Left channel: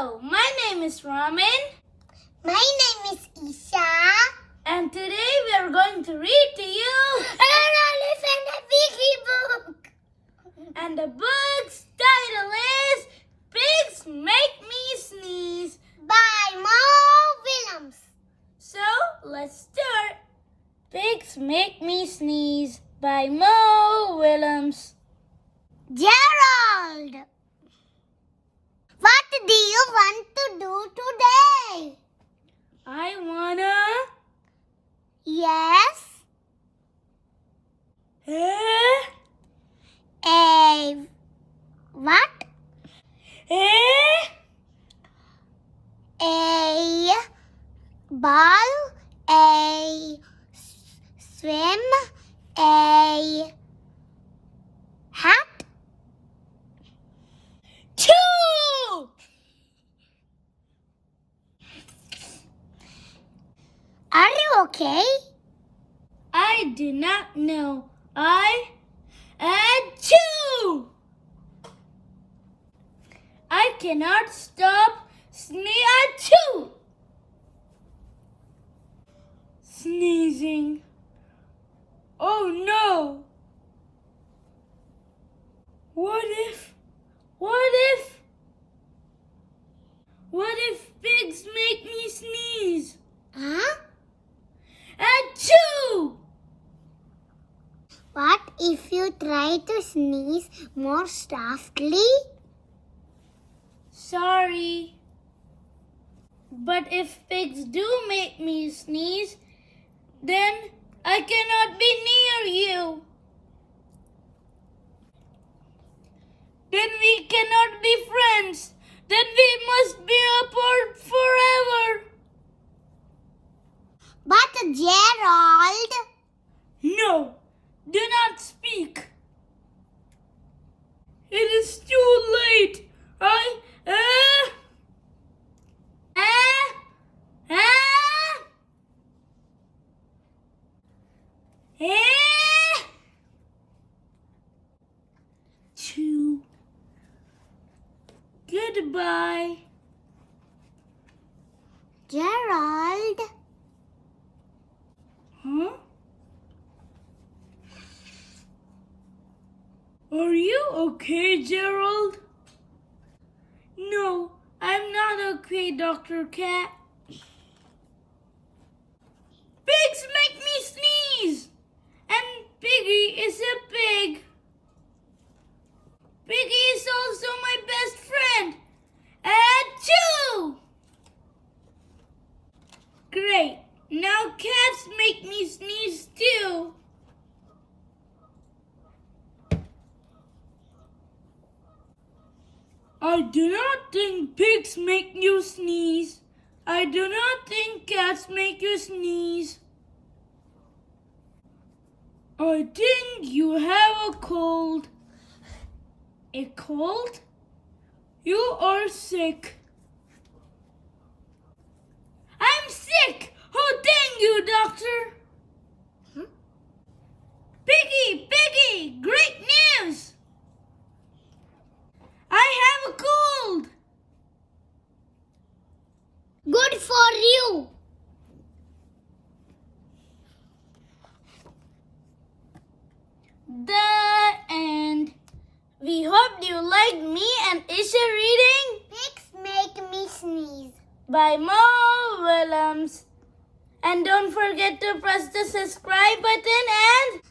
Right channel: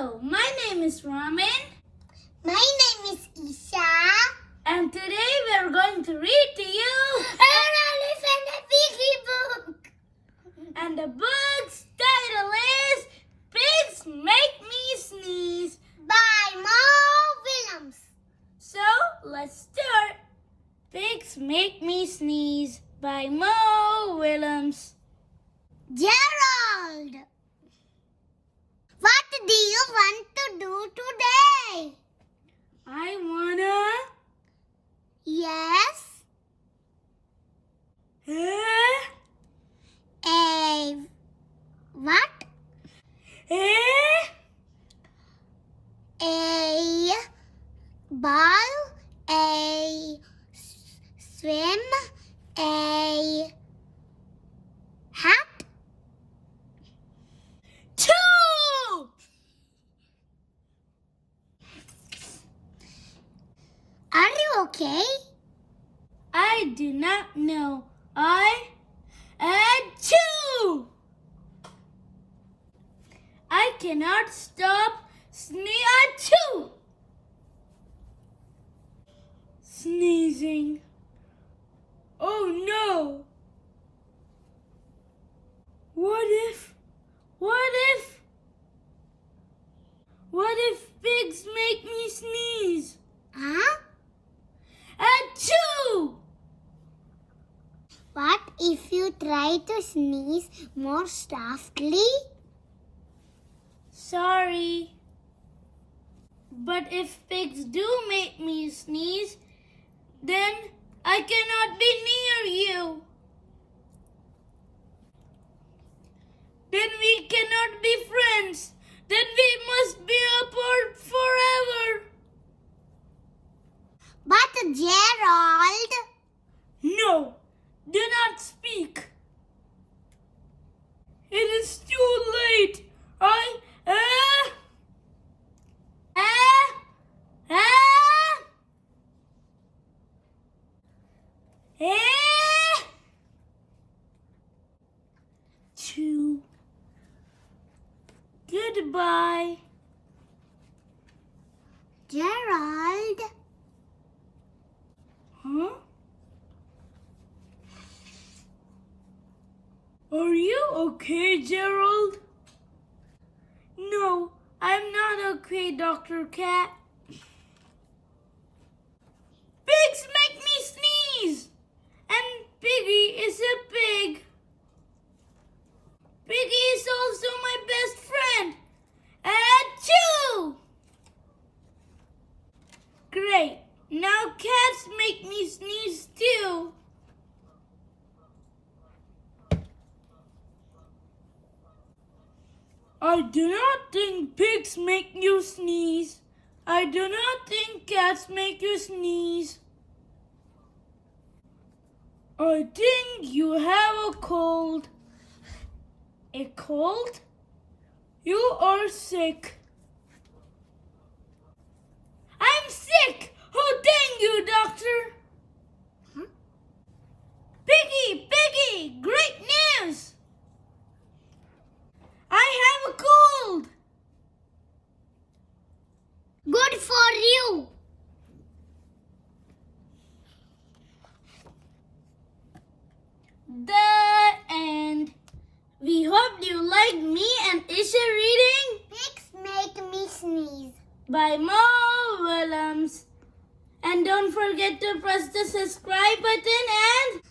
Hello, my name is Ramin. My name is Isha. And today we are going to read to you An Elephant Piggie Book. And the book's title is Pigs Make Me Sneeze By Mo Willems. So, let's start. Pigs Make Me Sneeze by Mo Willems. Gerald, what do you want to do today? I wanna... Yes. What? A ball, a swim, a hat. 2! Are you okay? I do not know. I add 2. I cannot stop at 2. Sneezing. Oh no. What if pigs make me sneeze? Huh? At 2. What if you try to sneeze more softly? Sorry. But if pigs do make me sneeze, then I cannot be near you. Then we cannot be friends. Then we must be apart forever. But Gerald, No, do not speak. It is too late. Two. Goodbye. Gerald, Huh? Are you okay, Gerald? No, I'm not okay, Dr. Cat. Pigs make me sneeze! And Piggy is a pig. Piggy is also my best friend. Add 2! Great. Now cats make me sneeze too. I do not think pigs make you sneeze. I do not think cats make you sneeze. I think you have a cold. A cold? You are sick. I'm sick! Oh, thank you, doctor. Piggy, great news! I have a cold. good for you. The end. We hope you liked me and Isha reading Pigs make me sneeze. by Mo Willems. And don't forget to press the subscribe button and